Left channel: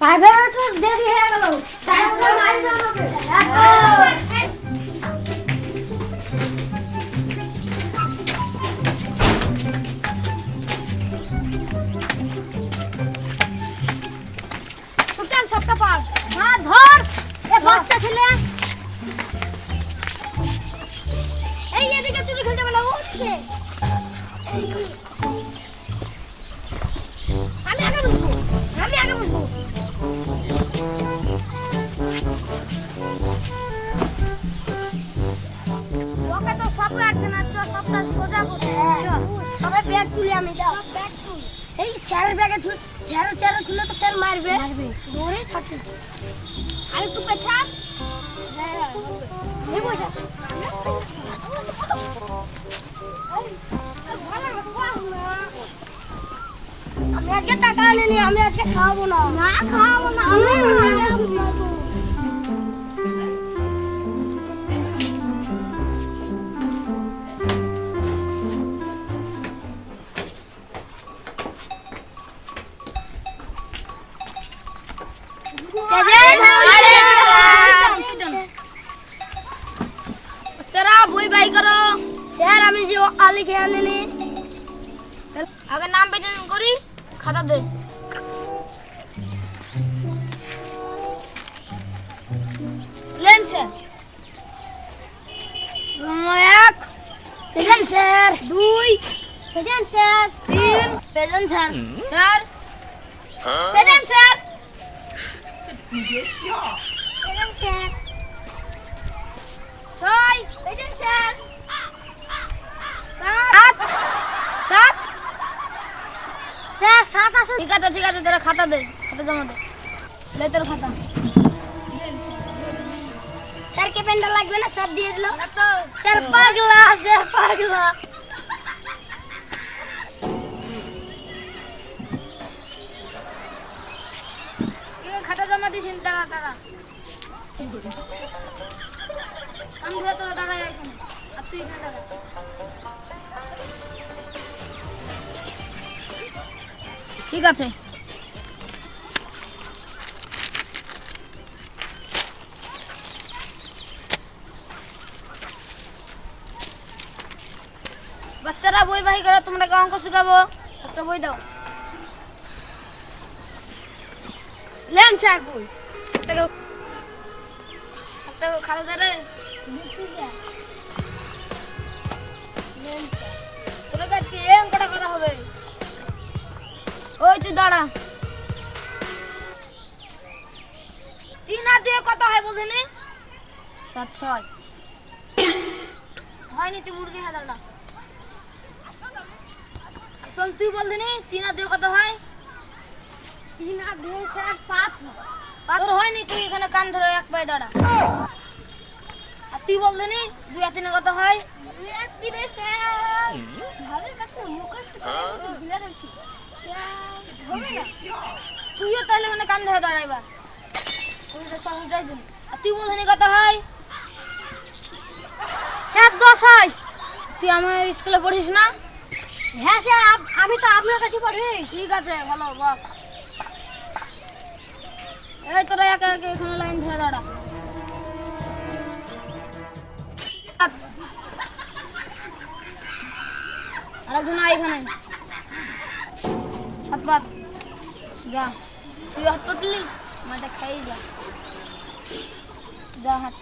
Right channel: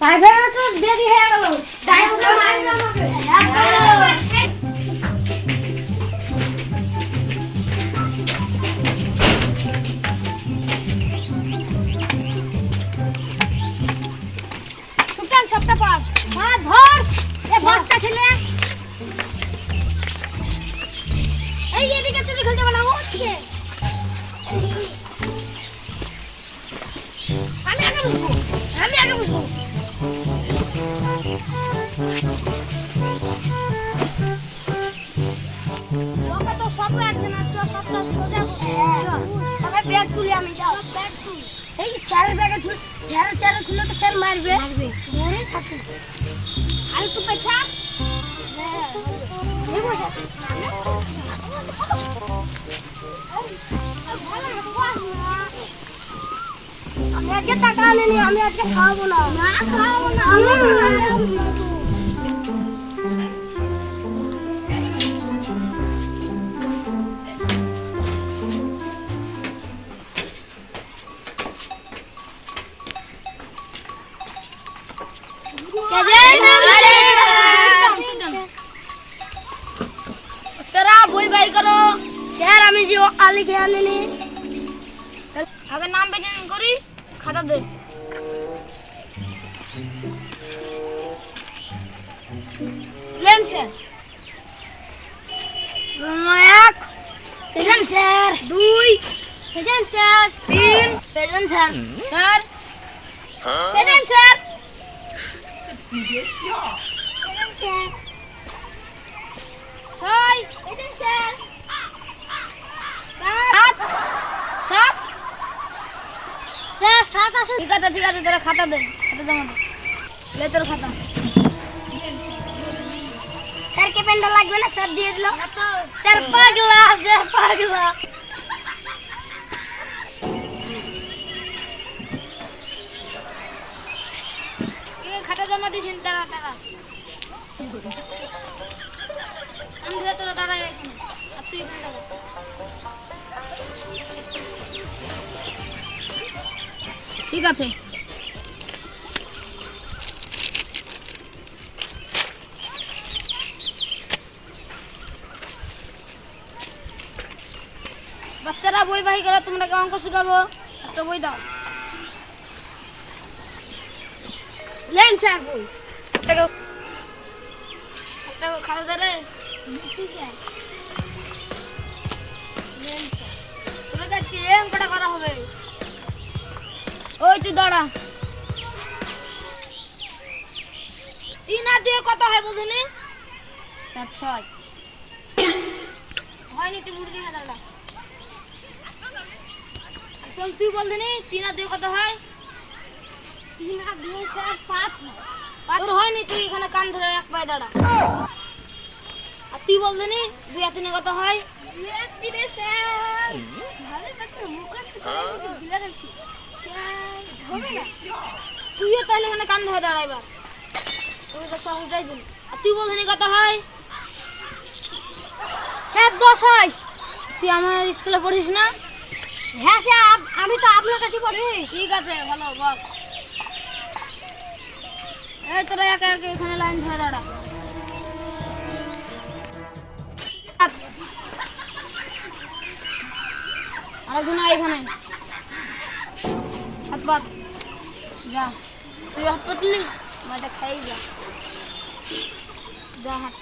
private তো দেরি হয়ে গেল টাইমটা মারি না সুলতান সবটা পাস মা ধর এ বাচ্চা ছেলে এই এদিকে চুরি খেলতে বলা ওদিকে আমি আগে বসবো ওকে তো সব লাগছে না সবটা সোজা করতে সবাই ব্যাগ তুলি আমি যাও ব্যাগ তুল এই স্যারের ব্যাগে তুল স্যারের তুলে তো স্যার মারবে ধরে থাকে আর একটু পেছা হ্যাঁ বসে আমি আজকে টাকা আনিনি আমি আজকে খাওয়াবো না বই বাই করো স্যার আমি যে লিখে আনিনি আগে নাম বেচেন করি খাতা দে লেন স্যার এক পেজেন স্যার দুই পেজেন স্যার তিন পেজেন স্যার চার পেজেন স্যার পেজেন স্যার ছয় পেজেন স্যার সাত সাত স্যার সাত আছে ঠিক আছে তোরা খাতা দে খাতা জমা দে লে তোর খাতা স্যার কে পেনটা লাগবে না স্যার দিয়ে দিল স্যার পাগলা খাতা জমা দিছিস তারা আমি ধরে তোরা দাঁড়ায় এখানে আর তুই এখানে দাঁড়া ঠিক আছে বাচ্চারা বই বাহি করো তোমরা অঙ্ক শিখাবো একটা বই দাও লেন স্যার বই একটা খাতা ধরে দিচ্ছি স্যার লেন স্যার তোরা কি অঙ্কটা করা হবে ওই তুই দাঁড়া 3 আর 2 কত হয় বুঝিনি 7 6 হয়নি তুই মুরগি হ্যাঁ দাঁড়া শোন তুই বলদিনি 3 আর 2 কত হয় 3 আর 2 স্যার 5 হয় তোর হয়নি তুই এখানে কান ধরে এক পায়ে দাঁড়া আর তুই বলদিনি 2 আর 3 কত হয় 2 আর 3 স্যার ভালো কথা মুখস্থ করে দিলা যাচ্ছে তুইও তাহলে মানে কান ধরে দাঁড়া এবার আমি তো সহজটাই দিই আর তুই বলছিস কত হয় 7 10 হয় তুই আমার স্কুলে পড়িস না হ্যাঁ স্যার আমি তো আপনার কাছে পড়ি ঠিক আছে ভালো বস এই তোরা একা এখানে লাইন ধরে দাঁড়া আরেকজন এখানে হাত পাত যা তুই হাত পাতলি मैं तो खाई जा जा हाथ